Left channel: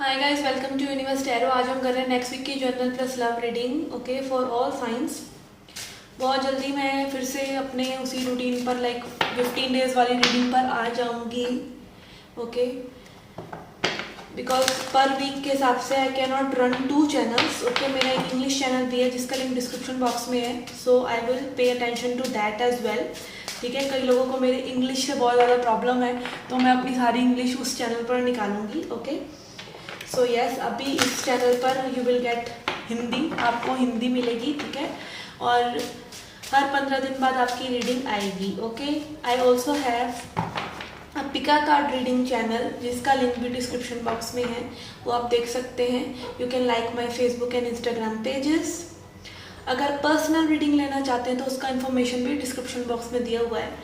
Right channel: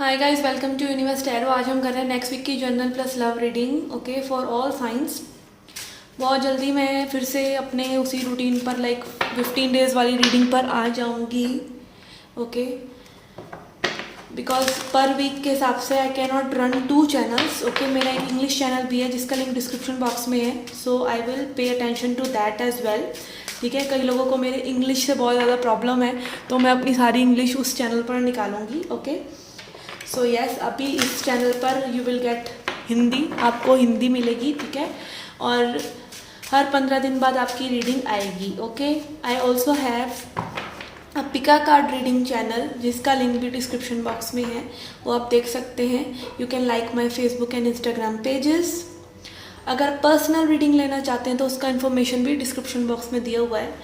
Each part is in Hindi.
Hi guys, welcome to Universe Tarot. आज हम कर रहे हैं नेक्स्ट वीक की general plus love reading, okay, for all signs. बहुत जल्दी मैं फिर से अपने उसी रूटीन पर 15 डेज वाली रीडिंग पर आ जाऊंगी, ओके। बिकॉज पर वीक के हिसाब से I can not run 2 channels, okay. मेरा एक इंग्लिश चैनल भी है जिसका लिंक डिस्क्रिप्शन बॉक्स में है, so I will pay attention to that as well, ठीक है। कई लोगों को मेरे इंग्लिश से बहुत ज़्यादा प्रॉब्लम है, तो मैं अपनी सारी इंग्लिश उस चैनल पर निकालूंगी, ओके। सो यस, अभी इस चैनल पर यू विल गेट हिंदी, आपको हिंदी मिलेगी, ठीक है। और हर 15 दिन बाद आपकी रीडिंग आएगी, okay. I also have a Pika card reading channel जिसका लिंक भी डिस्क्रिप्शन बॉक्स में है, वो आप देख सकते हैं। You can like my Facebook and Instagram pages. अगर पर्सनल रीडिंग लेना चाहते हैं तो उसका इन्फॉर्मेशन भी डिस्क्रिप्शन बॉक्स में दिया हुआ है,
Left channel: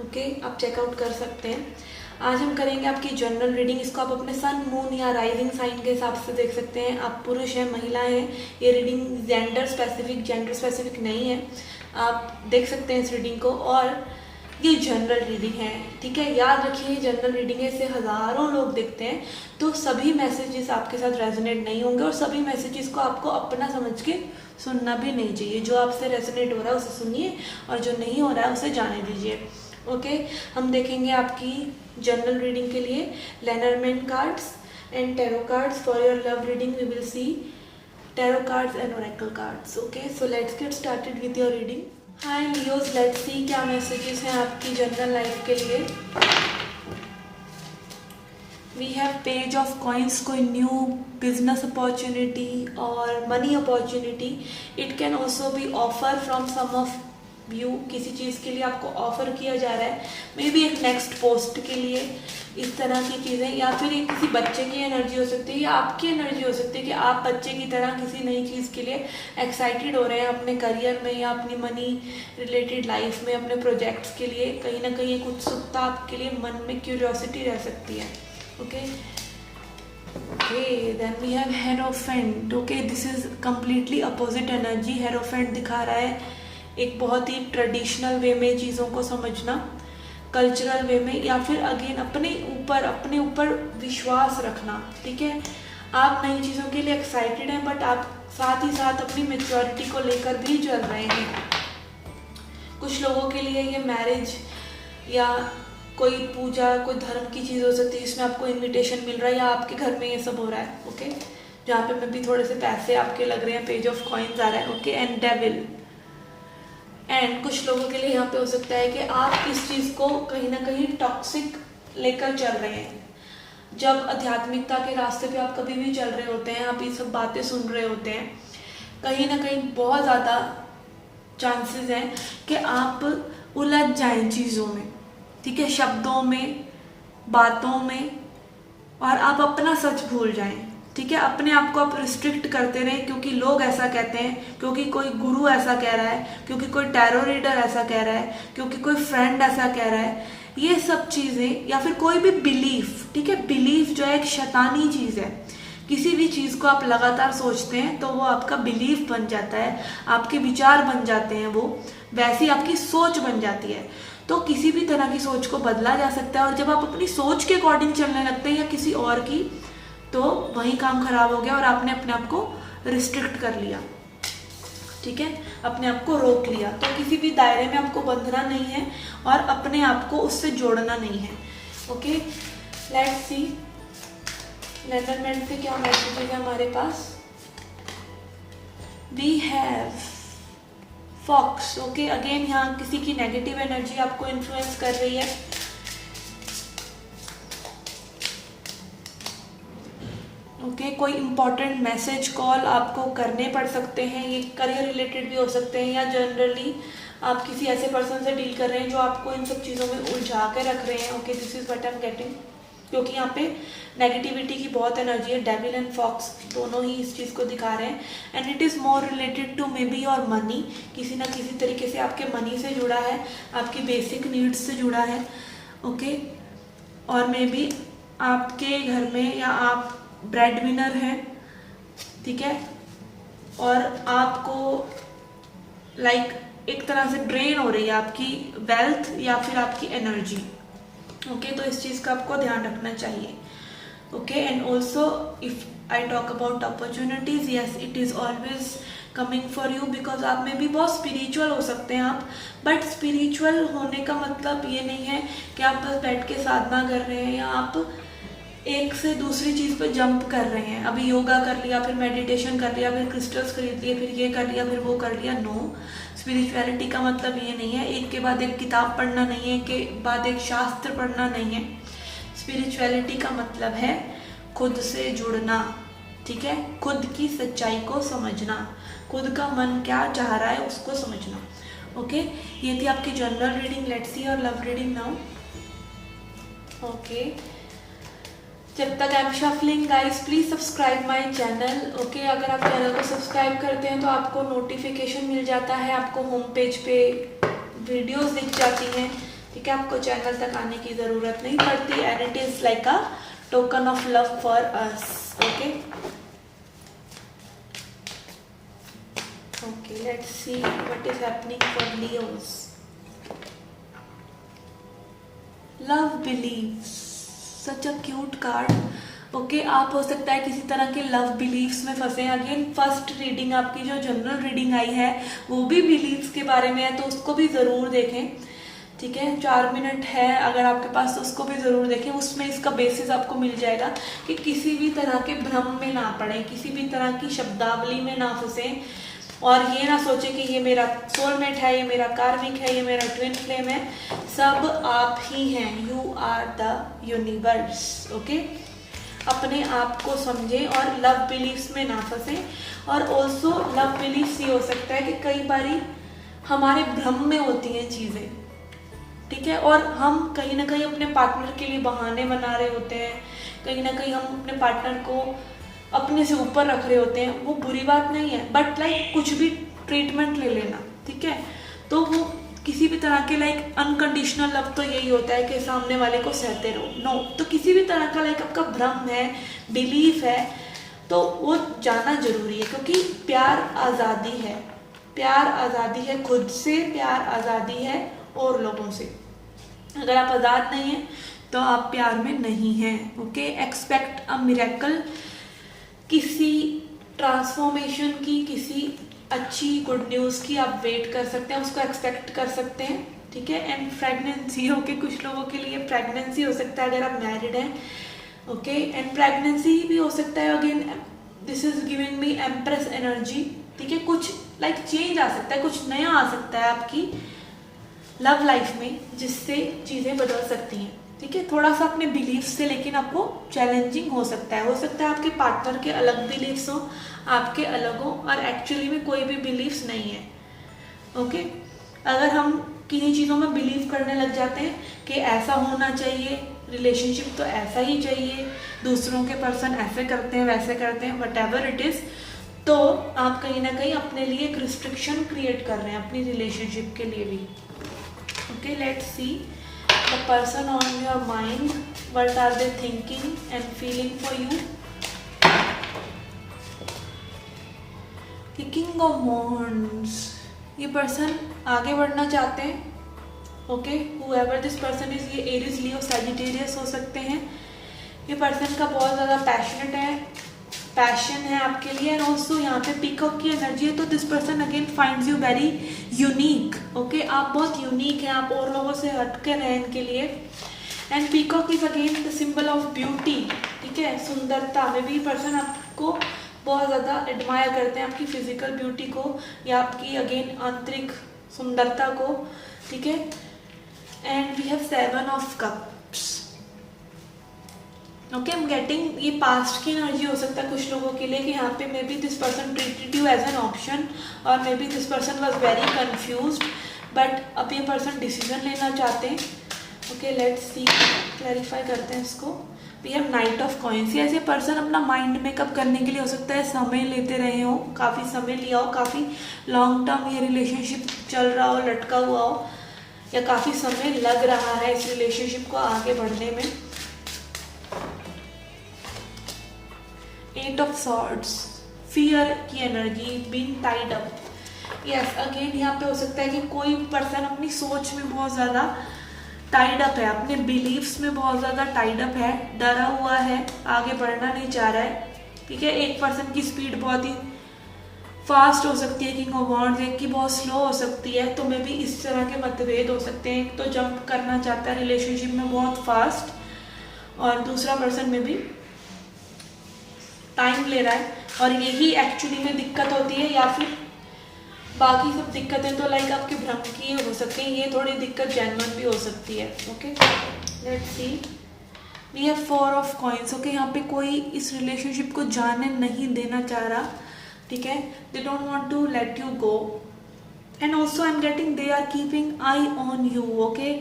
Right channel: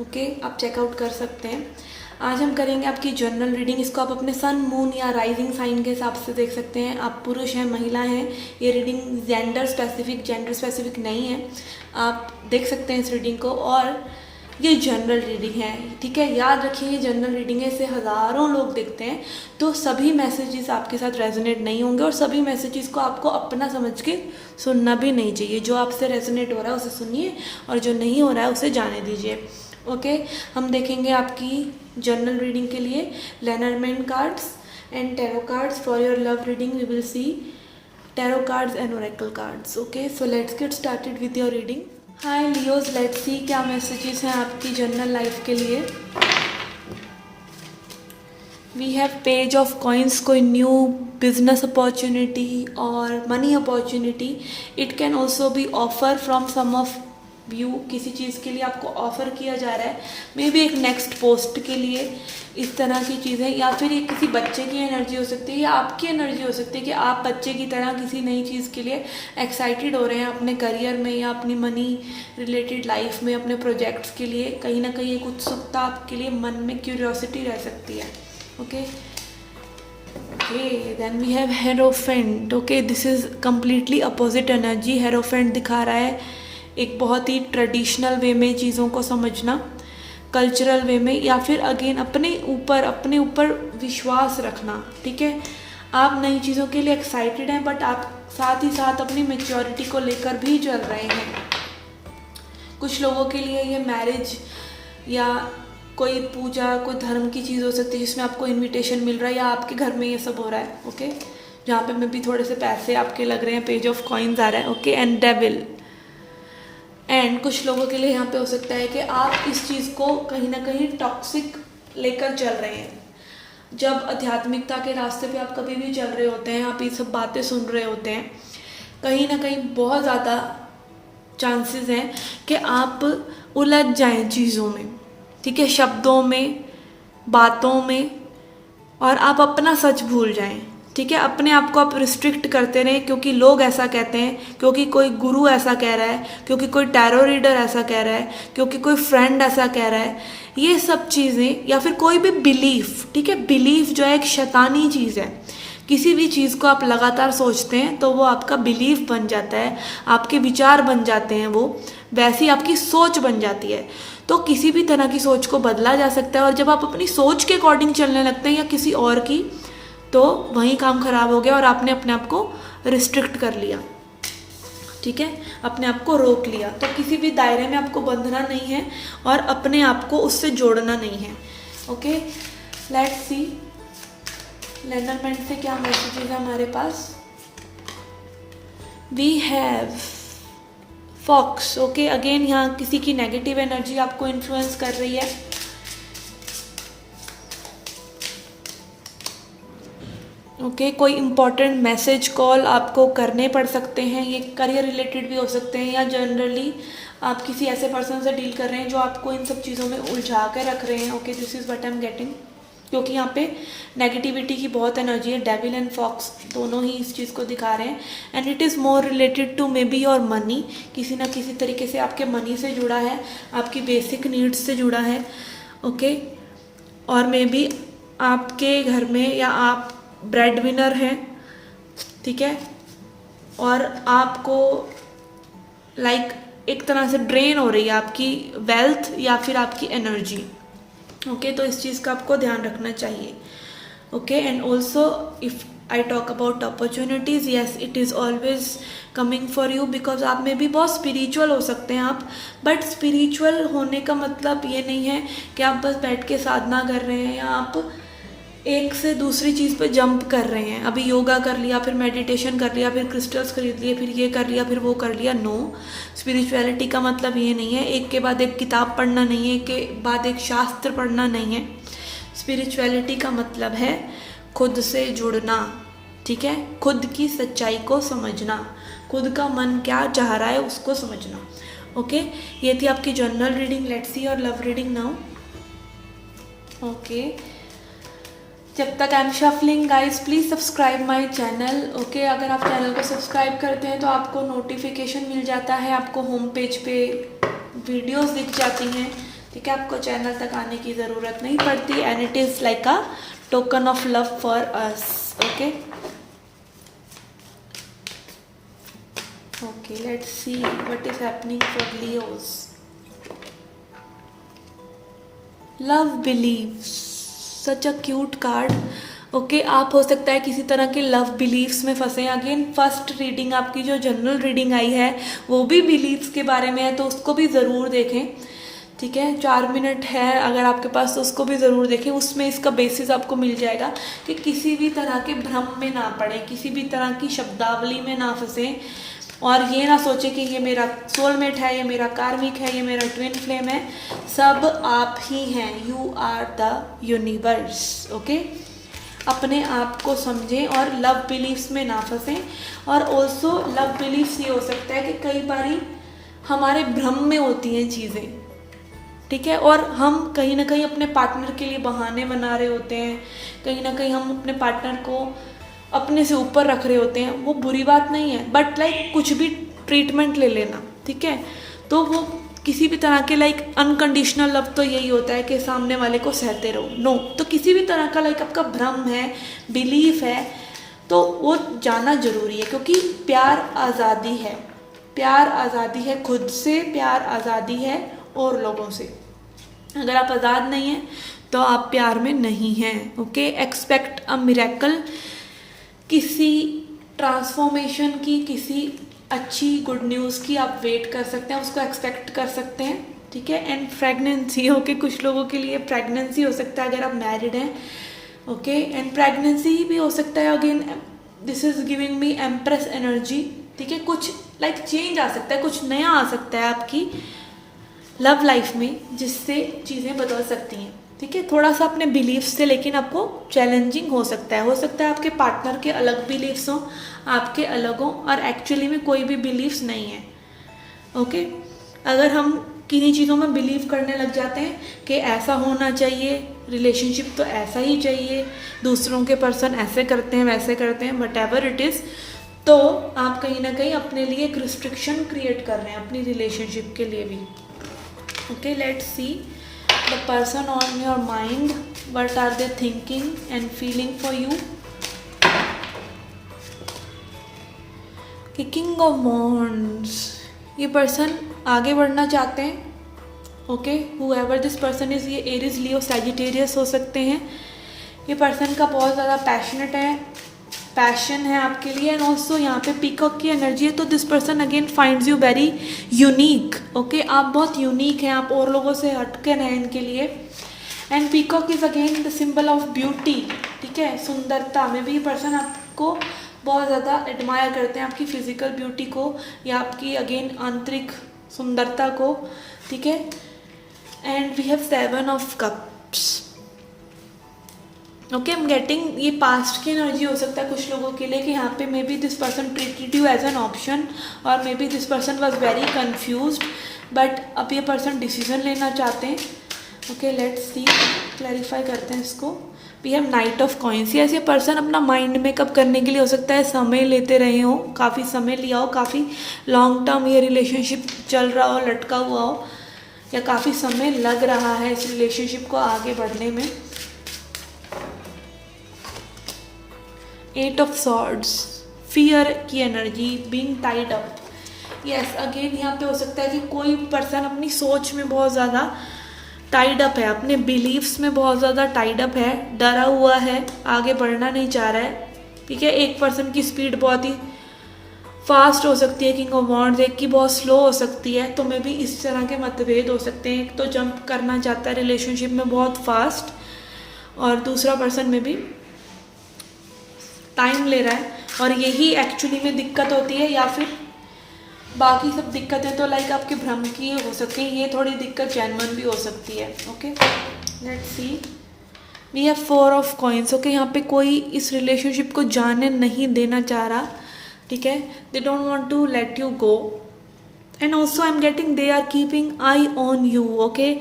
ओके, आप चेकआउट कर सकते हैं। आज हम करेंगे आपकी जनरल रीडिंग। इसको आप अपने सन, मून या राइजिंग साइन के हिसाब से देख सकते हैं। आप पुरुष हैं, महिला हैं। ये रीडिंग जेंडर स्पेसिफिक नहीं है, आप देख सकते हैं इस रीडिंग को। और ये जनरल रीडिंग है, ठीक है। याद रखिए, ये जनरल रीडिंग है, इसे हज़ारों लोग देखते हैं, तो सभी मैसेजेस आपके साथ रेजोनेट नहीं होंगे और सभी मैसेजेस को आपको अपना समझ के सुनना भी नहीं चाहिए। जो आपसे रेजोनेट हो रहा है उसे सुनिए और जो नहीं हो रहा है उसे जाने दीजिए, ओके। हम देखेंगे आपकी जनरल रीडिंग के लिए Lenormand cards and tarot cards. For your love reading we will see tarot cards and oracle cards, okay. So let's get started with your reading. Hi Leos, let's see क्या मैसेजेस हैं आपकी जनरल लाइफ के लिए। We have page of coins, कोई न्यू बिजनेस अपॉर्चुनिटी और money opportunity. It can also be offer from some of you, किसी चीज़ के लिए आपको ऑफर किया जा रहा है, मे बी एक नेक्स्ट पोस्ट के लिए, इस तरह की चीज़ें। या फिर ये किसी बच्चे की एनर्जी हो सकती है या आपकी एनर्जी हो सकती है कि आप बच्चे की तरह किसी नई चीज़ के लिए एक्साइटेड हो रहे हैं अपने करियर में या अपनी मनी रिलेटेड लाइफ में, अपने प्रोजेक्ट्स के लिए। कहीं ना कहीं एक उत्सुकता आपके लिए मन में, क्यूरियोसिटी रह सकती है, okay. Okay, then we have Hierophant, okay. This is completely opposite energy. Hierophant दिखा रहा है एक बहुत ही ट्रेडिशनल वे में चीज़ों को समझना, कल्चरल वे में, या फिर अगेन अपने ऊपर विश्वास रखना, ठीक है। आप नई चीज़ों के लिए एक्साइटेड हैं, बट आप साथ ही साथ अपनी मेच्योरिटी को लेकर भी चल रहे हैं। कुछ लोगों के लिए ये मैरिज या कोई पूजा, कोई धर्म की चीज़ हो सकती है जिसमें आपको इनविटेशन मिल रहा है, या आपके घर में ये सब हो रहा है, ओके। जहाँ पे मैं भी थोड़े से पैसे आपके लग रहे हैं, पेज ऑफ कॉइन्स आ रहा है, ओके। And devil. एंड कुछ लोगों के लिए यहाँ पे हो सकता है कि आप इस चीज़ को कहीं ना कहीं टॉक्सिक लेकर चल रहे हैं। जब आध्यात्मिकता के रास्ते पे आप कभी भी चल रहे होते हैं, आप ये सब बातें सुन रहे होते हैं, कहीं ना कहीं बहुत ज़्यादा चांसेस हैं कि आप उलझ जाएं चीज़ों में, ठीक है, शब्दों में, बातों में, और आप अपना सच भूल जाएं, ठीक है। अपने आप को आप रिस्ट्रिक्ट करते रहें क्योंकि लोग ऐसा कहते हैं, क्योंकि कोई गुरु ऐसा कह रहा है, क्योंकि कोई टैरो रीडर ऐसा कह रहा है, क्योंकि कोई फ्रेंड ऐसा कह रहा है। ये सब चीज़ें, या फिर कोई भी बिलीफ, ठीक है। बिलीफ जो है एक शैतानी चीज़ है। किसी भी चीज़ को आप लगातार सोचते हैं तो वो आपका बिलीफ बन जाता है, आपके विचार बन जाते हैं, वो वैसी आपकी सोच बन जाती है। तो किसी भी तरह की सोच को बदला जा सकता है, और जब आप अपनी सोच के अकॉर्डिंग चलने लगते हैं या किसी और की, तो वहीं काम खराब हो गया और आपने अपने आप को रिस्ट्रिक्ट कर लिया, ठीक है, अपने आप को रोक लिया। तो किसी भी दायरे में आपको बंधना नहीं है और अपने आप को उससे जोड़ना नहीं है, ओके। लेट्स सी लेनरमैन से क्या मैसेज है हमारे पास। We have fox, okay. Again यहाँ किसी की नेगेटिव एनर्जी आपको इन्फ्लुएंस कर रही है, ओके। कोई इंपॉर्टेंट मैसेज, कॉल आपको करने पड़ सकते हैं। ये करियर रिलेटेड भी हो सकते हैं, या जनरली आप किसी ऐसे पर्सन से डील कर रहे हैं जो आपको इन सब चीज़ों में उलझा कर रख रहे हैं, okay. This is what I am getting, क्योंकि यहाँ पे नेगेटिविटी की बहुत एनर्जी है। डेविल एंड फॉक्स दोनों ही इस चीज़ को दिखा रहे हैं, and it is more related to maybe your money. किसी ना किसी तरीके से आपके मनी से जुड़ा है, आपकी बेसिक नीड्स से जुड़ा है, ओके। और मे बी आपके घर में, या आप ब्रेड विनर हैं, ठीक है, और आपको एक तरह से ड्रेन हो रही है आपकी वेल्थ या फिर आपकी एनर्जी, ओके। तो इस चीज़ का आपको ध्यान रखना चाहिए, okay, and also if I talk about opportunities, yes it is always coming for you, because आप में भी बहुत स्पिरिचुअल हो सकते हैं आप, बट स्पिरिचुअल होने का मतलब ये नहीं है कि आप बस बैठ के साधना कर रहे हैं या आप एक से दूसरी चीज़ पे जंप कर रहे हैं। अभी योगा कर लिया, फिर मेडिटेशन कर लिया, फिर क्रिस्टल्स खरीद लिए, फिर ये कर लिया, फिर वो कर लिया। नो, स्पिरिचुअलिटी का मतलब ये नहीं है एक के बाद एक किताब पढ़ना नहीं है, के बाद एक शास्त्र पढ़ना नहीं है। स्पिरिचुअलिटी का मतलब है खुद से जुड़ना, ठीक है, खुद की सच्चाई को समझना, खुद का मन क्या चाह रहा है उसको समझना। ओके, ये थी आपकी general reading. Let's see your love reading now. Okay, जब तक I am shuffling guys, please subscribe my channel. Okay, अगर आप चैनल को सब्सक्राइब करते हैं तो आपको नोटिफिकेशन मिल जाता है, आपको होम पेज पे वीडियोस दिख जाती हैं, ठीक है, आपको चैनल तक आने की ज़रूरत नहीं पड़ती, and it is like a token of love for us. Okay, okay, let's see what is happening for Leos. Love believes, such a cute card. Okay, आप हो सकता है किसी तरह के लव बिलीव्स में फंसे हैं। अगेन फर्स्ट रीडिंग आपकी जो जनरल रीडिंग आई है वो भी बिलीव्स के बारे में है, तो उसको भी ज़रूर देखें, ठीक है। 4 मिनट है अगर आपके पास तो उसको भी ज़रूर देखें, उसमें इसका बेसिस आपको मिल जाएगा कि किसी भी तरह के भ्रम में ना पड़े, किसी भी तरह की शब्दावली में ना फंसे, और ये ना सोचे कि ये मेरा सोलमेट है, ये मेरा कार्मिक है, ये मेरा ट्विन फ्लेम है। सब आप ही हैं, you are the universe. Okay, अपने आप को समझें और लव बिलीव्स में ना फंसें। और ऑल्सो लव बिलीव्स ये हो सकता है कि कई बारी हमारे भ्रम में होती हैं चीज़ें, ठीक है, और हम कहीं ना कहीं अपने पार्टनर के लिए बहाने बना रहे होते हैं, कहीं ना कहीं हम अपने पार्टनर को अपने से ऊपर रख रहे होते हैं। वो बुरी बात नहीं है, बट लाइक कुछ भी ट्रीटमेंट ले लेना, ठीक है, तो वो किसी भी तरह के लाइक अनकंडीशनल लव तो यही होता है कि सामने वाले को सहते रहो। नो, तो किसी भी तरह का लाइक आपका भ्रम है, बिलीफ है, तो वो जाना जरूरी है, क्योंकि प्यार आज़ादी है, प्यार आज़ादी है खुद से, प्यार आज़ादी है और लोगों से। अगर आप आज़ाद नहीं हैं तो आप प्यार में नहीं हैं। ओके, एक्सपेक्ट अ मिरेकल, किसी ट्रांसफॉर्मेशन की, किसी अच्छी गुड न्यूज़ की आप वेट कर सकते हैं, उसको एक्सपेक्ट कर सकते हैं, ठीक है। एंड प्रेगनेंसी, ओके, कुछ लोगों के लिए प्रेगनेंसी हो सकता है अगर आप मैरिड हैं। ओके, एंड प्रेगनेंसी भी हो सकता है। Again this is giving me empress energy, ठीक है, कुछ लाइक चेंज आ सकता है, कुछ नया आ सकता है आपकी लव लाइफ में, जिससे चीज़ें बदल सकती हैं, ठीक है। थोड़ा सा अपने बिलीफ्स से लेकिन आपको चैलेंजिंग हो सकता है आपके पार्टनर के अलग बिलीफ्स हों, आपके अलग हों, और एक्चुअली में कोई भी बिलीफ्स नहीं है। ओके, अगर हम किन्हीं चीज़ों में बिलीव करने लग जाते हैं कि ऐसा होना चाहिए, रिलेशनशिप तो ऐसा ही चाहिए, दूसरों के पर्सन ऐसे करते हैं वैसे करते हैं, वट एवर इट इज़, तो आप कहीं ना कहीं अपने लिए एक रिस्ट्रिक्शन क्रिएट कर रहे हैं अपनी रिलेशनशिप के लिए भी। Okay, let's C the person on your mind, what are they thinking and feeling for you. King of Wands, ये पर्सन आगे बढ़ना चाहते हैं। Okay, whoever this person is, ये एरीज, लियो, सैजिटेरियस हो सकते हैं। ये पर्सन का बहुत ज़्यादा पैशनेट है, पैशन है आपके लिए, एंड ऑल्सो यहाँ पे पीकॉक की एनर्जी है, तो this person again finds you very unique. Okay, आप बहुत यूनिक हैं, आप और लोगों से हटके रहें इनके लिए। And peacock is again the symbol of beauty, ठीक है, सुंदरता में भी पर्सन आपको बहुत ज़्यादा एडमायर करते हैं, आपकी फिजिकल ब्यूटी को या आपकी अगेन आंतरिक सुंदरता को, ठीक है। And we have 7 of cups. Okay, I am getting, ये पास्ट की एनर्जी हो सकता है कुछ लोगों के लिए कि यहाँ पे maybe this person treated you as an option, और maybe this person was very confused, but अब ये पर्सन डिसीजन लेना चाहते हैं। ओके, लेट्स सी, क्लैरिफाई करते हैं इसको। We have Knight of Coins, ऐसे पर्सन अपना माइंड मेकअप करने के लिए हो सकता है समय लेते रहे हो, काफ़ी समय लिया हो, काफ़ी लॉन्ग टर्म ये रिलेशनशिप चल रहा हो, लटका हुआ हो, या काफ़ी समय लग रहा है इस रिलेशनशिप को आगे बढ़ने में। 8 ऑफ सॉर्ड्स, फियर की energy, being tied up. Yes, again यहाँ पे हो सकता है कि कोई पर्सन अपनी सोच में बहुत ज़्यादा टाइड अप है, अपने बिलीव्स में बहुत ज़्यादा टाइड अप है, डरा हुआ है, आगे बढ़ना नहीं चाह रहा है। ठीक है, एक पर्सन की स्पीड बहुत ही फास्ट हो सकती है किंग ऑफ वॉन्ड्स, एक की बहुत स्लो हो सकती है। तो मे भी इस तरह के मतभेद हो सकते हैं। एक तो जंप करना चाहता है रिलेशनशिप में बहुत फास्ट, और दूसरा पर्सन में भी टाइम ले रहा है, और यही एक्चुअली में दिक्कत होती है। या फिर बाकी सब दिक्कतें तो लाइक आपके भ्रम की हो सकती है, ये थोड़ी दिक्कत जेन्युइन भी हो सकती है। Okay, let's see, we have 4 of coins. Okay, यहाँ पे कोई इस रिलेशनशिप को जाने नहीं देना चाह रहा। ठीक है, they don't want to let you go, and also I am getting they are keeping eye on you. Okay,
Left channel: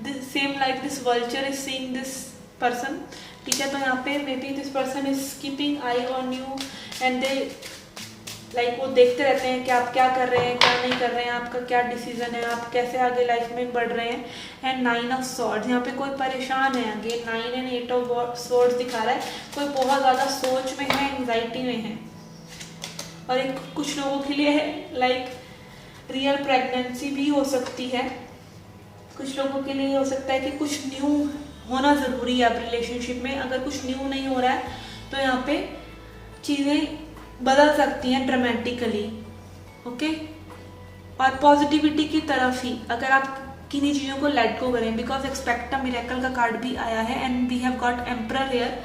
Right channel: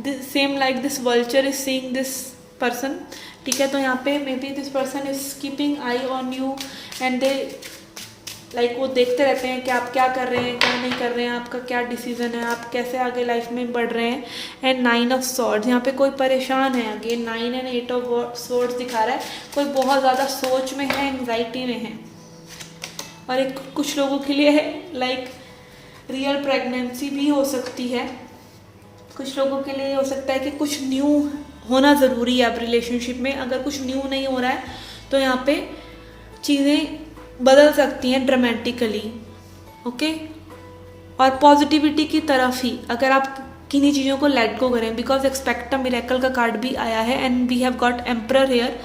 this same like this vulture is seeing this person. ठीक है, तो यहाँ पे maybe this person is keeping eye on you, and they like वो देखते रहते हैं कि आप क्या कर रहे हैं, क्या नहीं कर रहे हैं, आपका क्या डिसीजन है, आप कैसे आगे लाइफ में बढ़ रहे हैं। एंड 9 ऑफ स्वॉर्ड्स, यहाँ पे कोई परेशान है। अगेन 9 एंड 8 ऑफ स्वॉर्ड्स दिखा रहा है कोई बहुत ज़्यादा सोच में है, एंग्जाइटी में है। और एक कुछ लोगों के लिए है लाइक रियल प्रेगनेंसी भी हो सकती है। कुछ लोगों के लिए हो सकता है कि कुछ न्यू होना ज़रूरी है अब रिलेशनशिप में। अगर कुछ न्यू नहीं हो रहा है तो यहाँ पे चीज़ें बदल सकती हैं ड्रामेटिकली। ओके, और पॉजिटिविटी की तरफ ही अगर आप किन्हीं चीज़ों को लेट गो करें, बिकॉज एक्सपेक्ट अ मिरेकल का कार्ड भी आया है, and we have got Emperor here.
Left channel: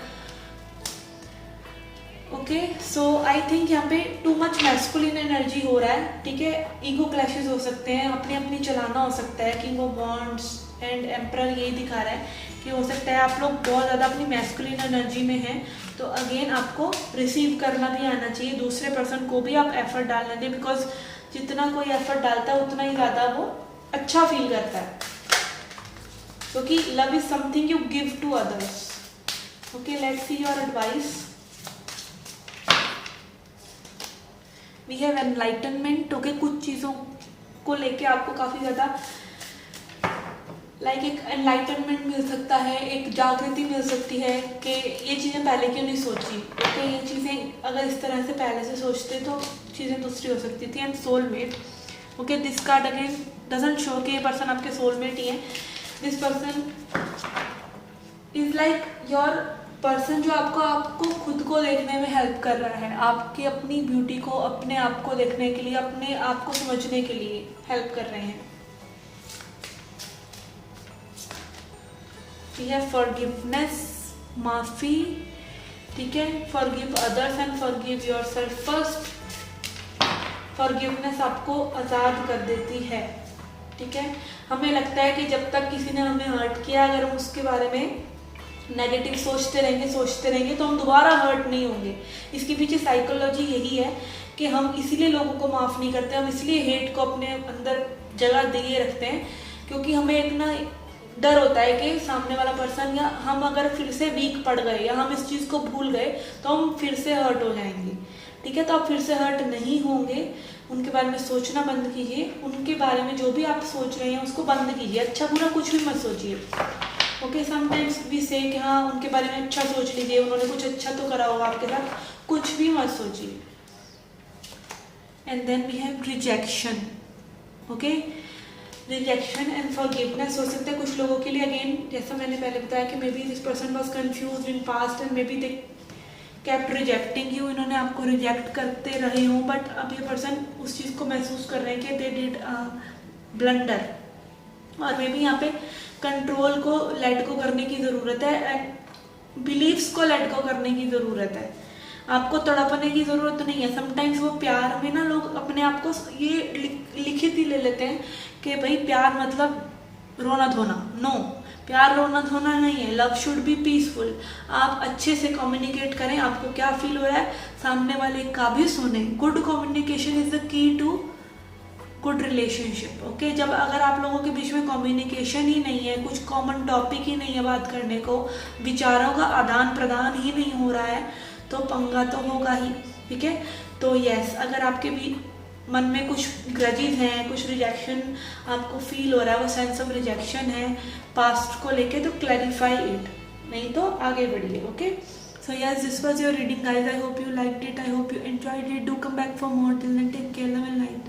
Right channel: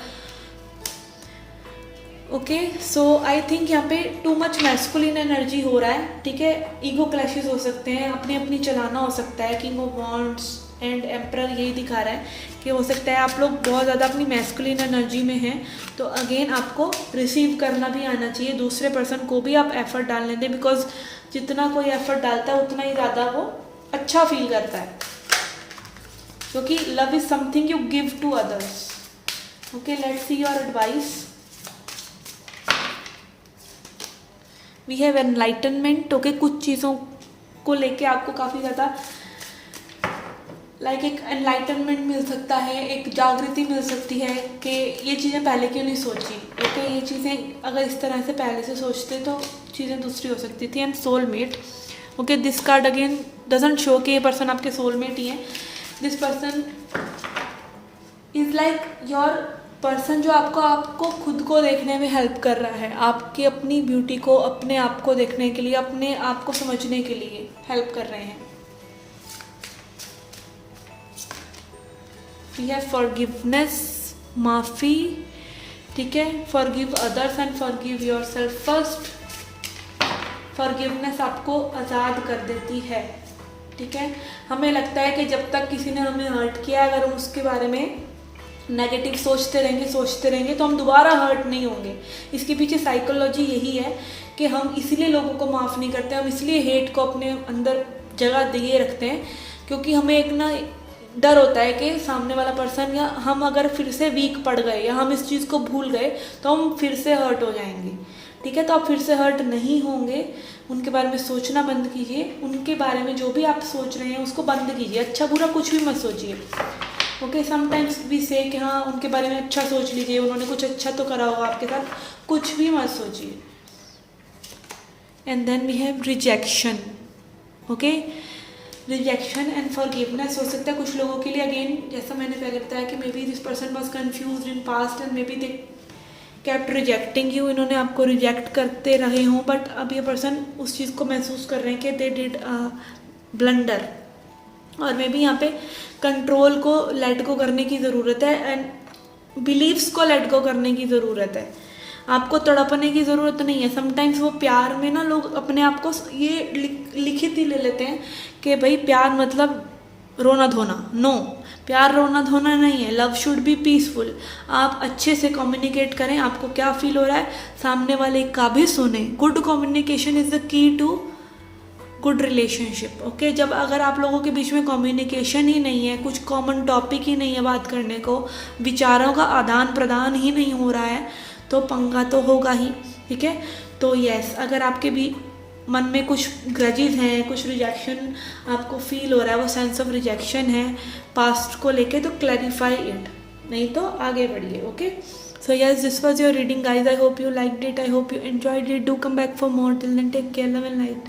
Okay, so I think यहाँ पे टू मच मैस्कुलिन एनर्जी हो रहा है। ठीक है, ईगो क्लैशेस हो सकते हैं, अपनी अपनी चलाना हो सकता है। King of wands and emperor यही दिखा रहा है कि हो सकता है आप लोग बहुत ज़्यादा अपनी मैस्कुलिन एनर्जी में हैं। तो अगेन आपको रिसीव करना भी आना चाहिए, दूसरे पर्सन को भी आप एफर्ट डालने दें, बिकॉज जितना कोई एफर्ट डालता है उतना ही ज़्यादा वो अच्छा फील करता है, क्योंकि love is something you give to others. Okay, let's see your advice. We have enlightenment. Okay, कुछ चीज़ों को लेके आपको काफ़ी ज़्यादा लाइक एक एनलाइटनमेंट मिल सकता है, एक जागृति मिल सकती है कि ये चीज़ें पहले क्यों नहीं सोची। ओके, ये चीज़ें अगर इस तरह से पहले से सोचते तो चीज़ें दूसरी हो सकती थी। And soulmate. Okay, this card again doesn't show कि ये पर्सन आपके सोलमेट ही है। This person is like your person जो आपको खुद को देखने में हेल्प कर रहा है, आपकी अपनी ब्यूटी को, अपने आप को देखने के लिए, अपने आप को समझने के लिए हेल्प कर रहे हैं। वी हैव फॉरगिवनेस, माफ़ी। ठीक है, forgive others and forgive yourself first. Forgiveness आपको आज़ाद कर देती है। ठीक है, हमें लगता है कि जब तक किसी ने हमें हर्ट किया, अगर हम उसके बारे में नेगेटिव सोचते रहेंगे तो हम दोबारा हर्ट नहीं होंगे। इसके पीछे साइकोलॉजी यही है कि हम इसलिए लोगों को माफ़ नहीं करते, हम इसलिए हेट को अपने अंदर जगह दिए रखते हैं, क्योंकि हमें एक ना डर होता है कि सामने वाला पर्सन या हम अगर फिर से वीक पड़ गए या हम इस चीज़ को भूल गए तो हम फिर से हर्ट हो जाएंगे। ठीक है, तो आप फिर से हर्ट नहीं होंगे। उनके बारे में सोचना बंद कीजिए, उनके बारे में जो भी आप सोच रहे हैं उसको बंद कीजिए, अच्छा बुरा कुछ भी मत सोचिए। ओके, समटाइम्स भी से कि हाँ उनके बारे में अच्छा सोच लीजिए, उन्होंने कुछ अच्छा तो करा होगा आपके साथ, कुछ भी मत सोचिए। And then we have rejection. Okay, rejection and forgiveness हो सकता है कुछ लोगों के लिए। अगेन जैसा मैंने पहले बताया कि may be this person was confused in past and may be they kept rejecting you, इन्होंने आपको रिजेक्ट करते रहे हों, बट अब ये पर्सन उस चीज़ को महसूस कर रहे हैं कि दे डिड ब्लंडर। और मे बी यहाँ पे कंट्रोल को लेट गो करने की ज़रूरत है, एंड बिलीव्स को लेट गो करने की ज़रूरत है। आपको तड़पने की ज़रूरत नहीं है। समटाइम्स वो प्यार में ना लोग अपने आप को ये लिखित ही ले लेते हैं कि भाई प्यार मतलब रोना धोना। नो, प्यार रोना धोना नहीं है। Love should be peaceful. आप अच्छे से कम्युनिकेट करें, आपको क्या फील हो रहा है सामने वाले का भी सुने। Good communication is the key to good relationship. Okay, जब अगर आप लोगों के बीच में कम्युनिकेशन ही नहीं है, कुछ कॉमन टॉपिक ही नहीं है बात करने को, विचारों का आदान प्रदान ही नहीं हो रहा है, तो पंगा तो होगा ही। ठीक है, तो यस, अगर आपके भी मन में कुछ ग्रजेस हैं, कुछ रिजेक्शन आपको फील हो रहा है, वो सेंस ऑफ रिजेक्शन है पास्ट को लेके, तो क्लैरिफाई इट, नहीं तो आगे बढ़िए। Okay, so yes, this was your reading guys. I hope you liked it, I hope you enjoyed it. Do come back for more. Till then take care, love and light.